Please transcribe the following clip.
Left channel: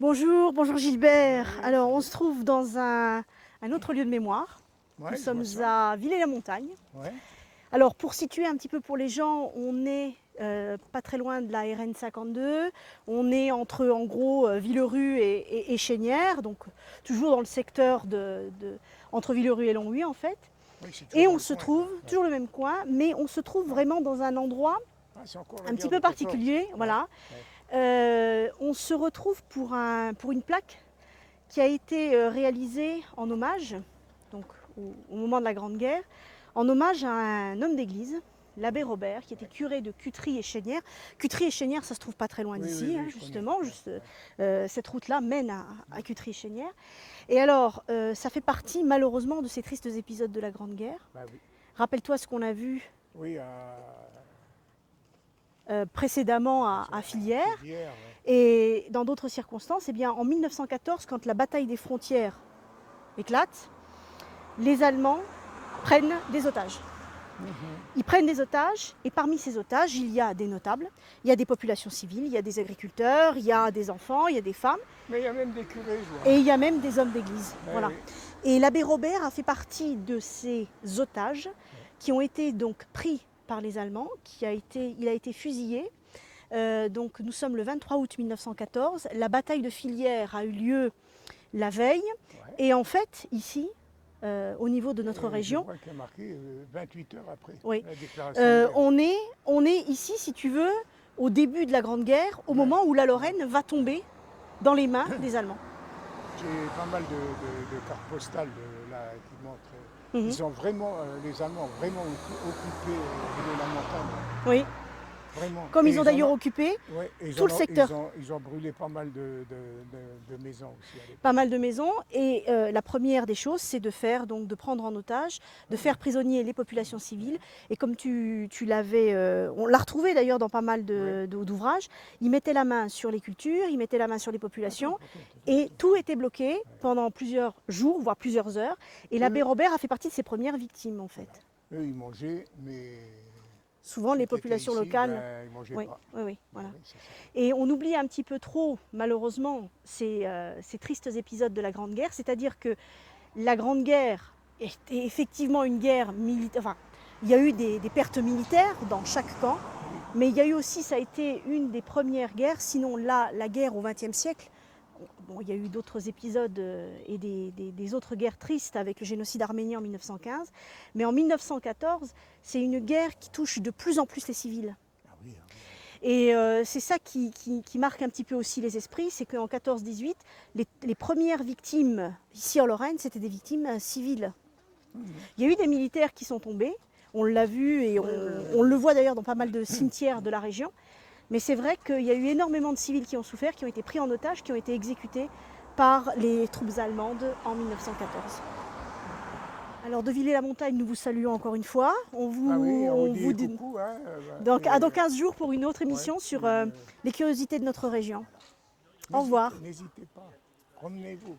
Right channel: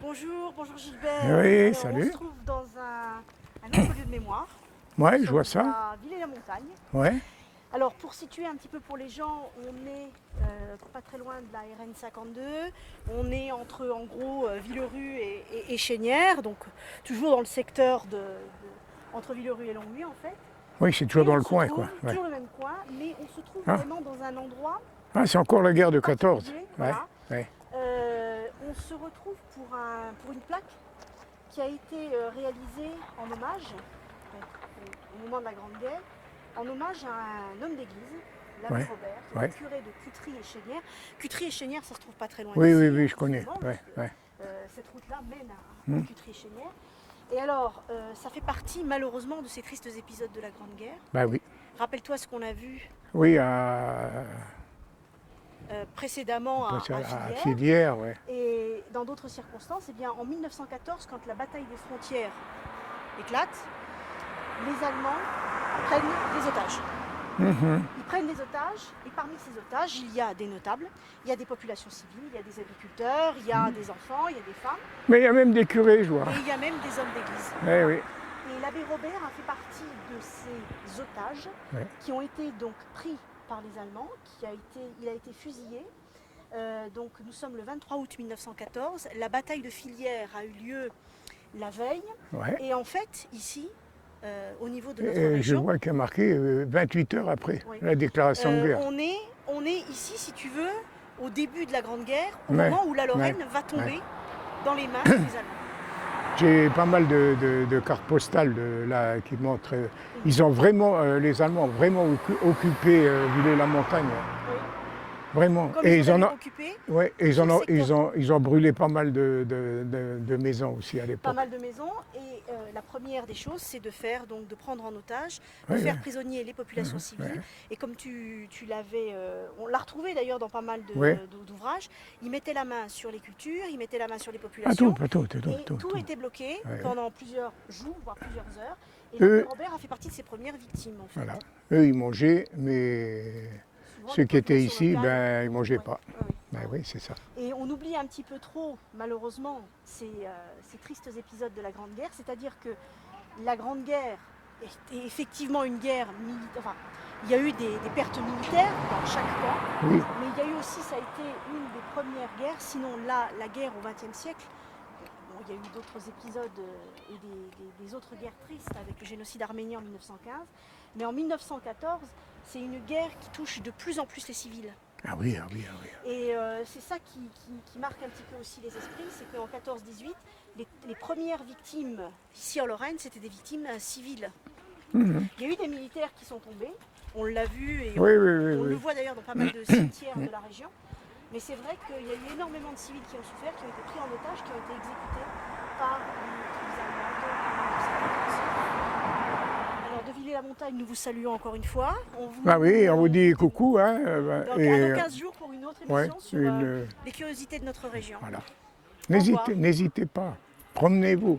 Bonjour, bonjour Gilbert. Oui, Alors on salut. se trouve dans un autre lieu de mémoire. Ouais, Nous je vois sommes ça. à Villers-la-Montagne. Ouais. Alors pour situer un petit peu pour les gens, on est pas très loin de la RN 52. On est entre en gros Villerue et Chénières, donc toujours dans le secteur entre Villerue et Longwy en fait. Oui, c'est toujours Et dans on le se coin, trouve quoi. Ouais. toujours le même coin, mais on se trouve Ah. vraiment dans un endroit Ah, c'est encore la un guerre petit de peu 14. particulier. Voilà. Ouais. On se retrouve pour une plaque qui a été réalisée en hommage, donc au moment de la Grande Guerre, en hommage à un homme d'église, l'abbé Ouais. Robert, qui était Ouais. curé de Cutry et Chénières. Cutry et Chénières, ça se trouve pas très loin Oui, d'ici, oui, oui, hein, je connais. justement. Ouais. Ouais. Cette route-là mène à Cutry et Chénières. Et alors, ça fait partie malheureusement de ces tristes épisodes de la Grande Guerre. Bah oui. Rappelle-toi ce qu'on a vu Oui, précédemment à à Fillières. Filière, ouais. Et dans d'autres circonstances, eh bien, en 1914, quand la bataille des frontières éclate, les Allemands prennent des otages. Ils prennent des otages, et parmi ces otages, il y a des notables, il y a des populations civiles, il y a des agriculteurs, il y a des enfants, il y a des femmes, Mais il y a même des curés, je vois. et il y a même des hommes d'église. Ouais, oui. Et l'abbé Robert a fait partie de ces otages Ouais. qui ont été donc pris par les Allemands, il a été fusillé. Donc nous sommes le 23 août 1914. La bataille de Fillières a eu lieu la veille. Ouais. Et en fait, ici, au niveau de notre Je région, vois qu'il y a marqué 28 heures après Oui. la déclaration de guerre. on est ici, si tu veux, au début de la Grande Guerre, au Ouais. moment où la Lorraine va tomber dans les mains des Allemands. J'ai pas mal de cartes postales là, qui montrent. Ils ont vraiment, les Allemands ont vraiment occupé Villers-la-Montagne. Oui. Vraiment. Comme Et ils ont en d'ailleurs ont- occupé Ouais, et tout le secteur. ils ont brûlé pas mal de maisons aussi à l'époque. Pas mal de maisons. Et la première des choses, c'est de prendre en otage, de faire prisonnier les populations civiles. Et comme tu l'avais, on l'a retrouvé d'ailleurs dans pas mal d'ouvrages, ils mettaient la main sur les cultures, ils mettaient la main sur les populations. Et tout était bloqué pendant plusieurs jours, voire plusieurs heures. Et l'abbé Robert a fait partie de ces premières victimes en fait. Voilà. Eux, ils mangeaient, mais Souvent, ceux les qui étaient populations ici, locales. ils ne mangeaient Oui, pas. oui, Ben voilà. oui, c'est ça. Et on oublie un petit peu trop, malheureusement, ces tristes épisodes de la Grande Guerre. C'est-à-dire que la Grande Guerre est effectivement une guerre militaire. Enfin, il y a eu des pertes militaires dans chaque camp, Oui. mais il y a eu aussi, ça a été une des premières guerres, sinon la guerre au XXe siècle. Bon, il y a eu d'autres épisodes et des autres guerres tristes avec le génocide arménien en 1915. Mais en 1914, c'est une guerre qui touche de plus en plus les civils. Ah oui, ah oui, ah oui. Et c'est ça qui marque un petit peu aussi les esprits, c'est qu'en 14-18, les premières victimes ici en Lorraine, c'était des victimes civiles. Il y a eu des militaires qui sont tombés, on l'a vu et on le voit d'ailleurs dans pas mal de cimetières de la région. Mais c'est vrai qu'il y a eu énormément de civils qui ont souffert, qui ont été pris en otage, qui ont été exécutés par les troupes allemandes en 1914. Alors de Villers-la-Montagne, nous vous saluons encore une fois. On vous dit coucou. Hein, dans 15 jours pour une autre émission sur les curiosités de notre région. Voilà. N'hésitez pas, promenez-vous.